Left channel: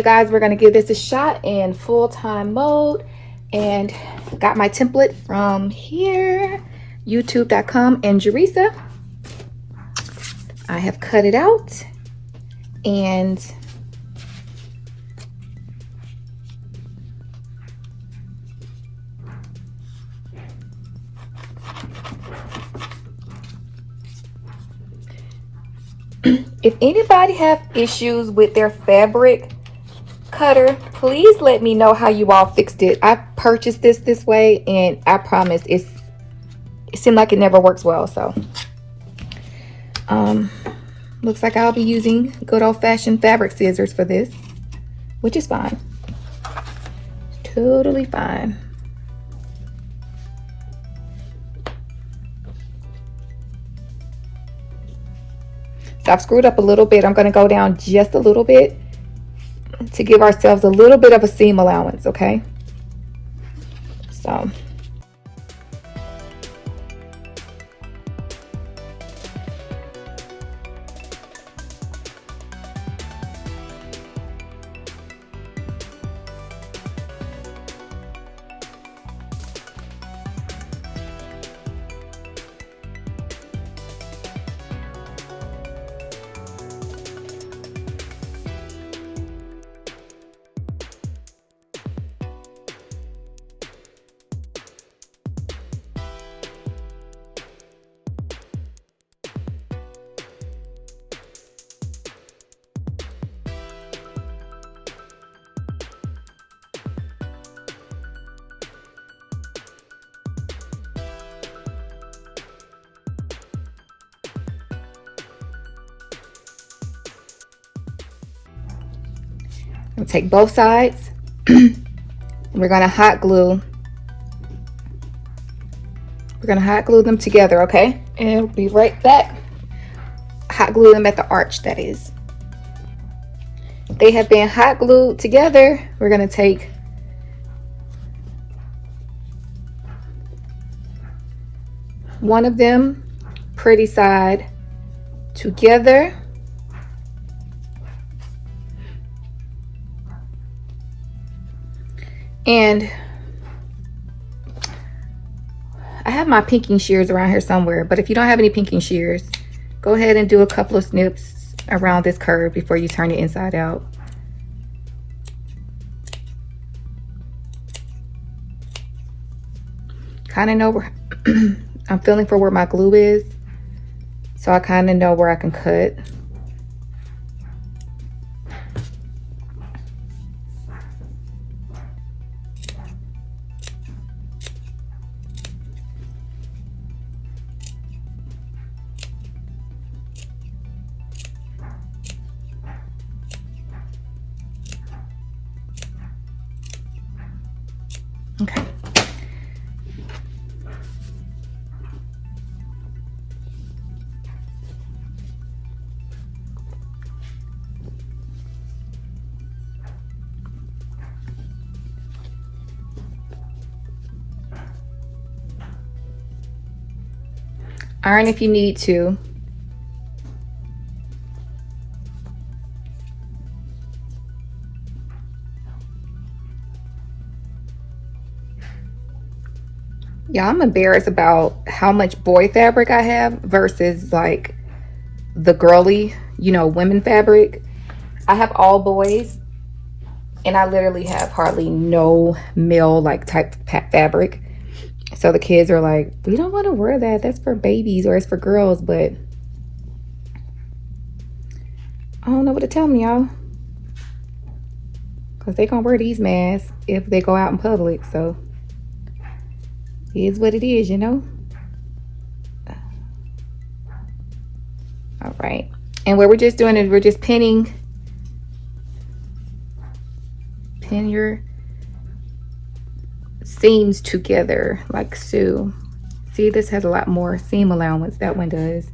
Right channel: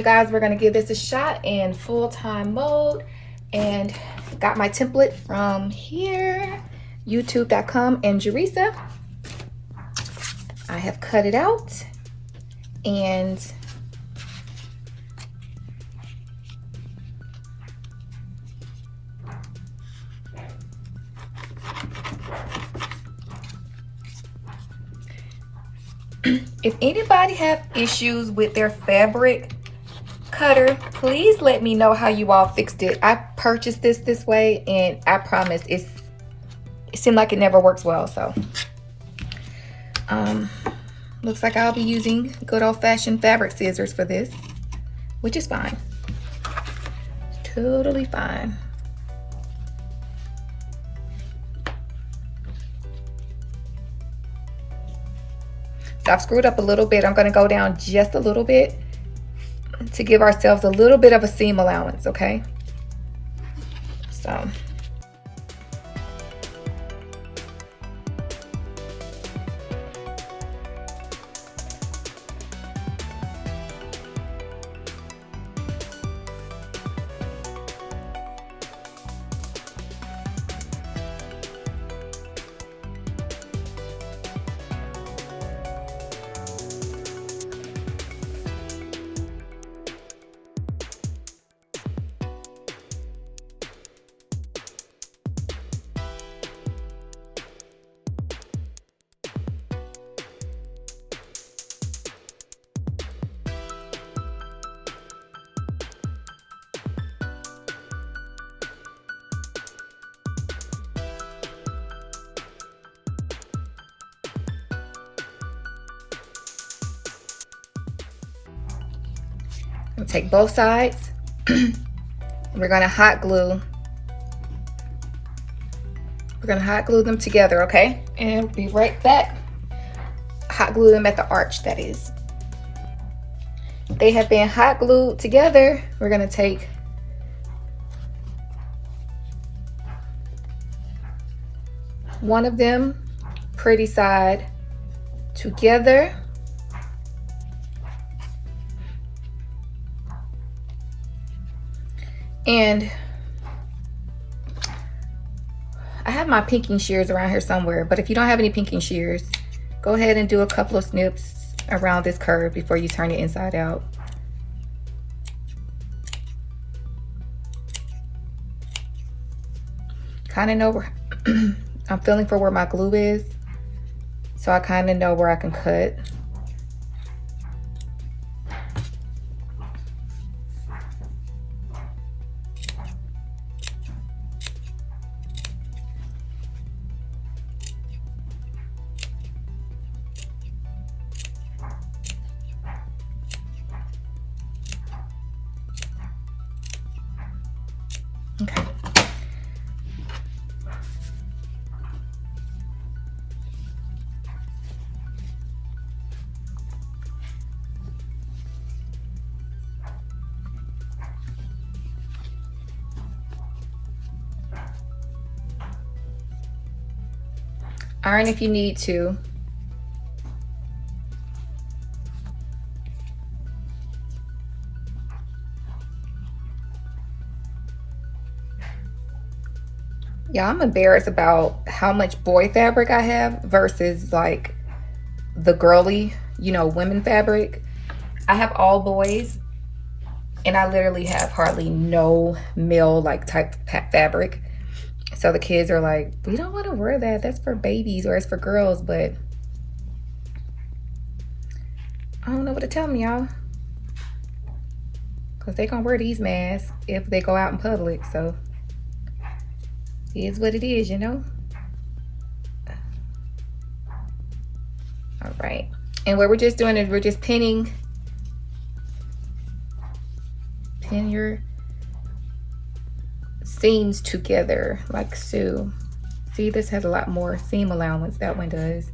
you guys, we're going to give this a shot in full-time mode. And got my template from here, youtube.com, and Jerisa. I have cut it out, and if anybody have issues with their fabric cutter, please let me know how you all fixed it. I purchased this way, and I promise it seemed like it never works well. So looks like I'll be using good old-fashioned fabric scissors for this, which is fine, totally fine. So I've screwed up a little bit. I'm going to go down just a little bit to give ourselves a little bit of a seam allowance, okay? So we'll take both sides. We're gonna hot glue. We're gonna hot glue them together, okay? And be right back. Hot glue them at the arch, that is. They have been hot glued together. We're gonna take one of them, pretty side, together. And I have my pinking shears around here somewhere, but if you don't have any pinking shears, go ahead and do a couple of snips around this curve before you turn it inside out. Kind of know where I'm feeling for where my glue is, so I kind of know where I can cut. Okay. Iron if you need to. Yeah, I'm embarrassed about how much boy fabric I have versus like the girly, you know, women fabric. I have all boys, and I literally have hardly no male like type fabric. So the kids are like, we don't want to wear that. That's for babies or it's for girls, but I don't know what to tell them, y'all. Because they're going to wear these masks if they go out in public. So it is what it is, you know? All right. And what we're just doing is we're just pinning. Pin your seams together like so. See, this has a lot more seam allowance. That one does.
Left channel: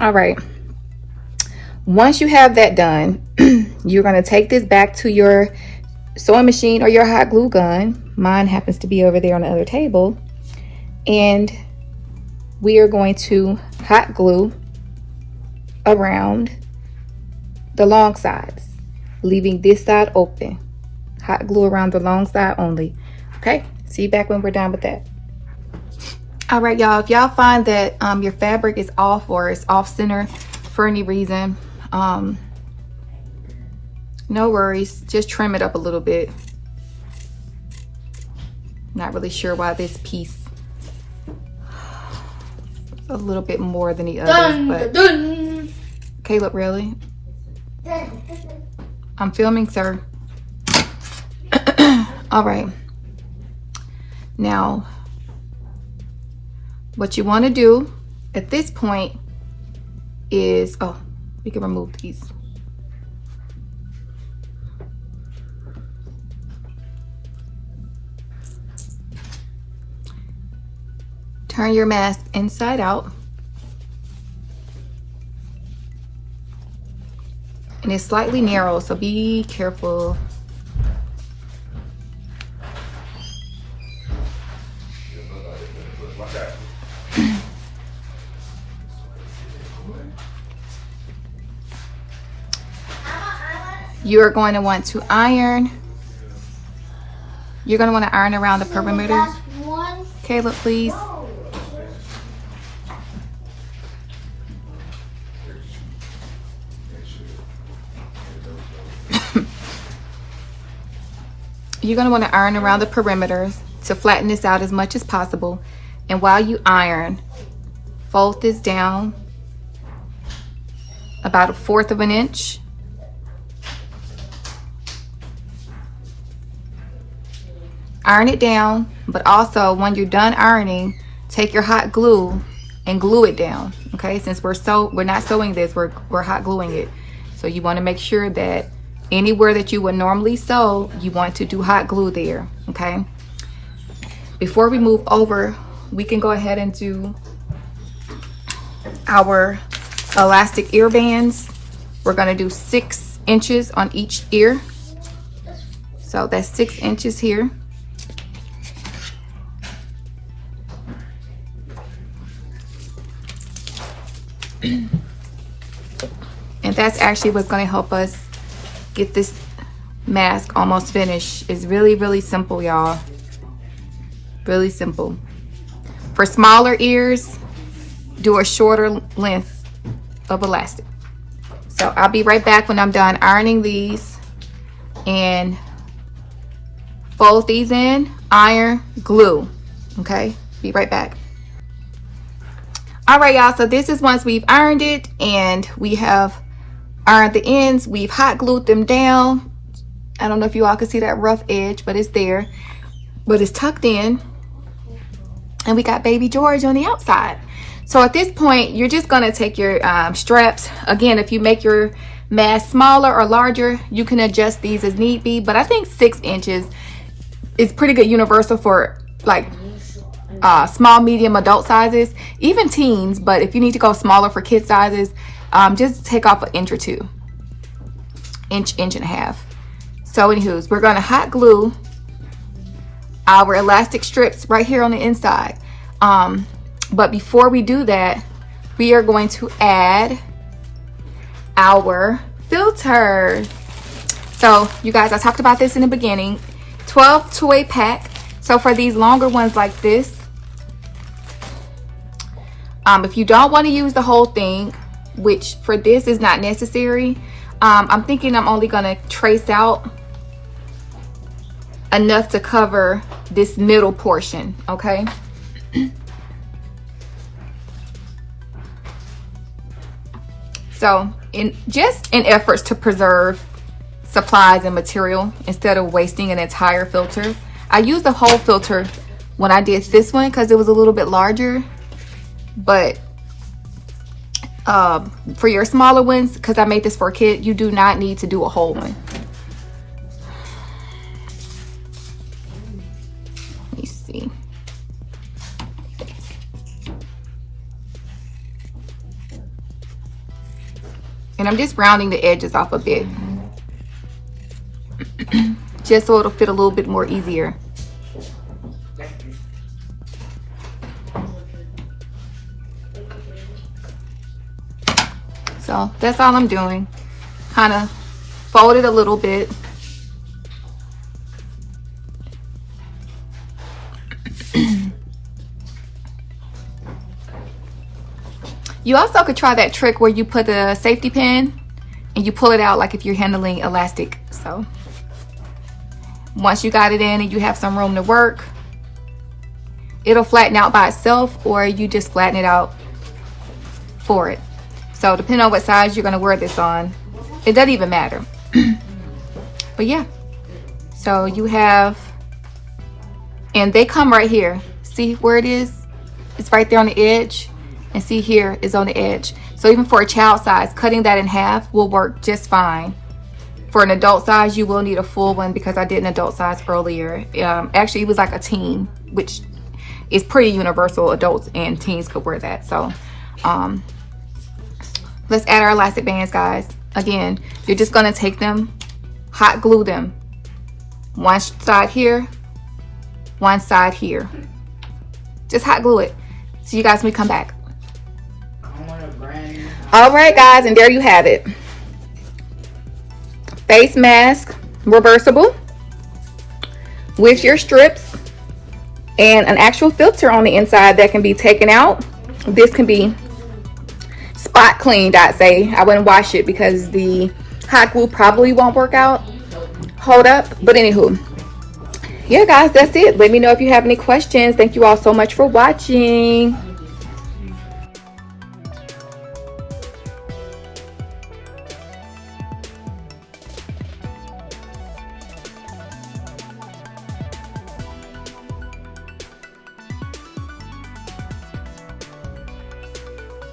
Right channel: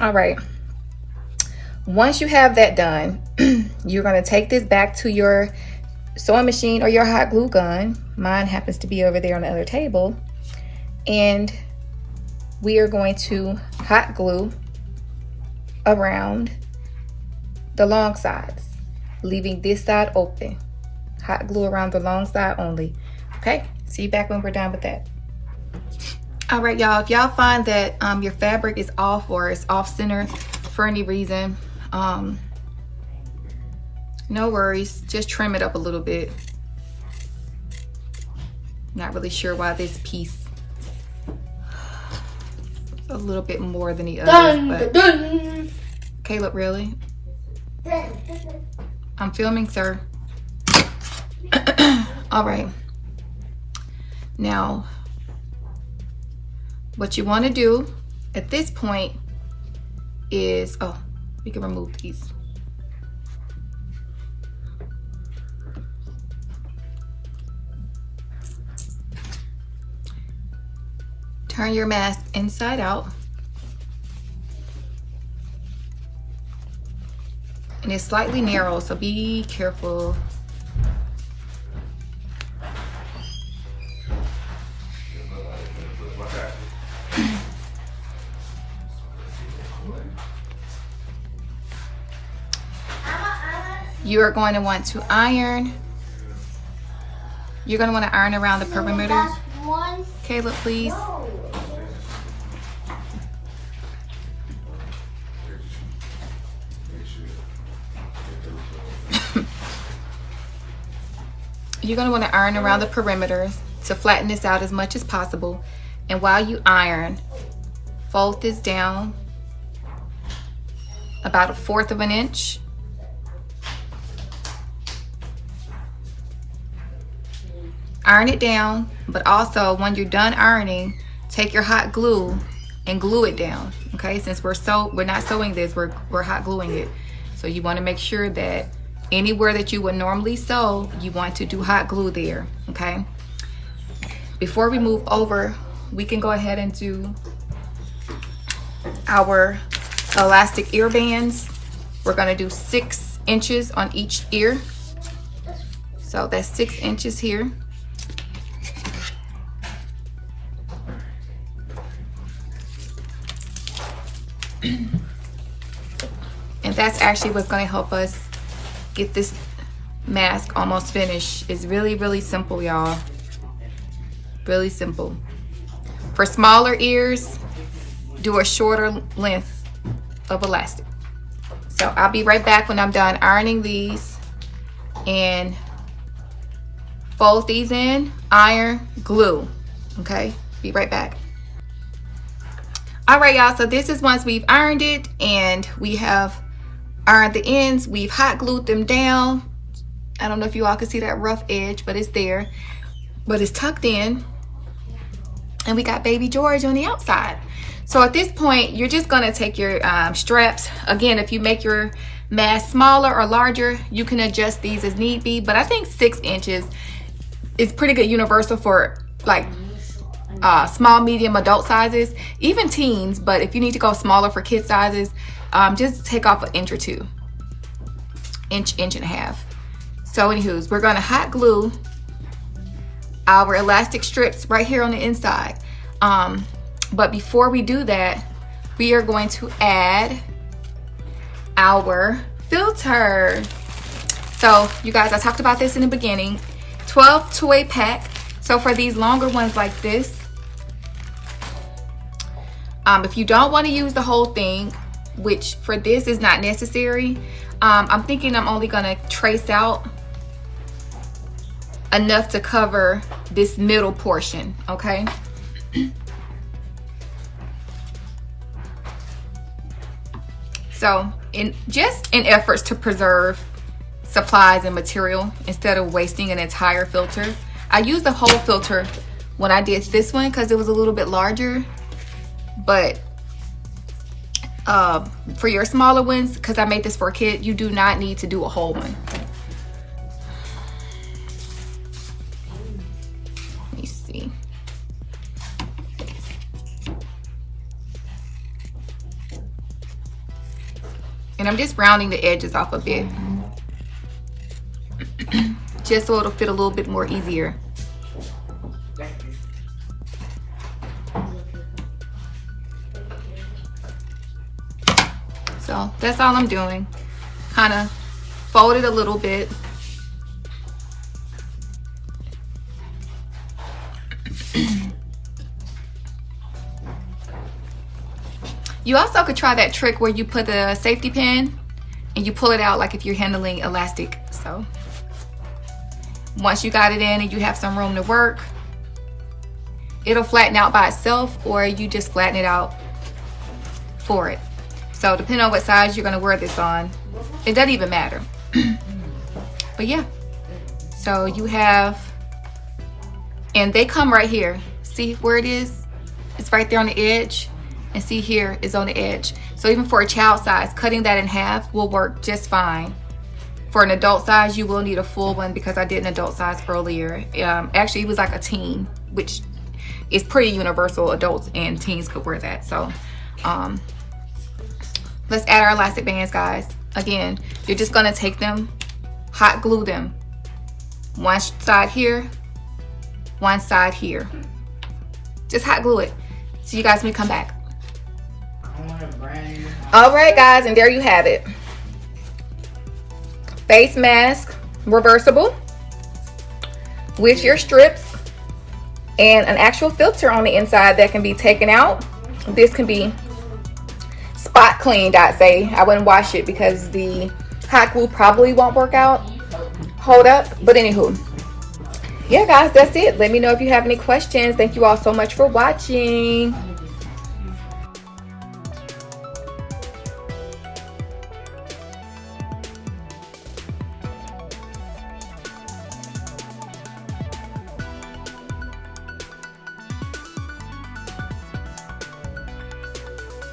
All right. Once you have that done, you're going to take this back to your sewing machine or your hot glue gun. Mine happens to be over there on the other table. And we are going to hot glue around the long sides, leaving this side open. Hot glue around the long side only. Okay, see you back when we're done with that. All right, y'all, if y'all find that your fabric is off or it's off center for any reason, no worries, just trim it up a little bit. Not really sure why this piece a little bit more than the others, but Caleb, really? I'm filming, sir. All right. Now, what you want to do at this point is, oh, we can remove these. Turn your mask inside out. And it's slightly narrow, so be careful. You're going to want to iron. You're going to want to iron around the perimeter. Caleb, please. You're going to want to iron around the perimeter to flatten this out as much as possible. And while you iron, fold this down about 1/4 of an inch. Iron it down, but also when you're done ironing, take your hot glue and glue it down. Okay, since we're not sewing this, we're hot gluing it. So you want to make sure that anywhere that you would normally sew, you want to do hot glue there. Okay. Before we move over, we can go ahead and do our elastic ear bands. We're going to do 6 inches on each ear. So that's 6 inches here. And that's actually what's going to help us get this mask almost finished. It's really, really simple, y'all. Really simple. For smaller ears, do a shorter length of elastic. So I'll be right back when I'm done ironing these, and fold these in, iron, glue. Okay, be right back. All right, y'all, so this is once we've ironed it and we have ironed the ends, we've hot glued them down. I don't know if you all can see that rough edge, but it's there. But it's tucked in. And we got baby George on the outside. So at this point, you're just gonna take your straps. Again, if you make your mask smaller or larger, you can adjust these as need be. But I think 6 inches is pretty good universal for like small, medium, adult sizes, even teens. But if you need to go smaller for kid sizes, just take off 1 inch or 2, inch and a half. So anywho's, we're gonna hot glue our elastic strips right here on the inside. But before we do that, we are going to add our filter. So you guys, I talked about this in the beginning, 12 to a pack. So for these longer ones like this, if you don't want to use the whole thing, which for this is not necessary, I'm thinking I'm only going to trace out enough to cover this middle portion, okay? So in efforts to preserve supplies and material instead of wasting an entire filter, I used the whole filter when I did this one because it was a little bit larger. But for your smaller ones, because I made this for a kid, you do not need to do a whole one. Let me see. And I'm just rounding the edges off a bit. just so it'll fit a little bit more easier. So that's all I'm doing. Kind of fold it a little bit. You also could try that trick where you put a safety pin and you pull it out like if you're handling elastic. So once you got it in and you have some room to work, it'll flatten out by itself, or you just flatten it out for it. So depending on what size you're going to wear this on, it doesn't even matter. But yeah, so you have, and they come right here. See where it is? It's right there on the edge. And see here is on the edge. So even for a child size, cutting that in half will work just fine. For an adult size, you will need a full one because I did an adult size earlier. Actually, it was like a teen, which is pretty universal. Adults and teens could wear that. So let's add our elastic bands, guys. Again, you're just gonna take them, hot glue them. One side here, one side here. Just hot glue it. See you guys when we come back. All right, guys, and there you have it. Face mask, reversible, with your strips and an actual filter on the inside that can be taken out. This can be spot cleaned, I'd say. I wouldn't wash it because the hot glue probably won't work out. Hold up. But anywho, yeah, guys, that's it. Let me know if you have any questions. Thank you all so much for watching.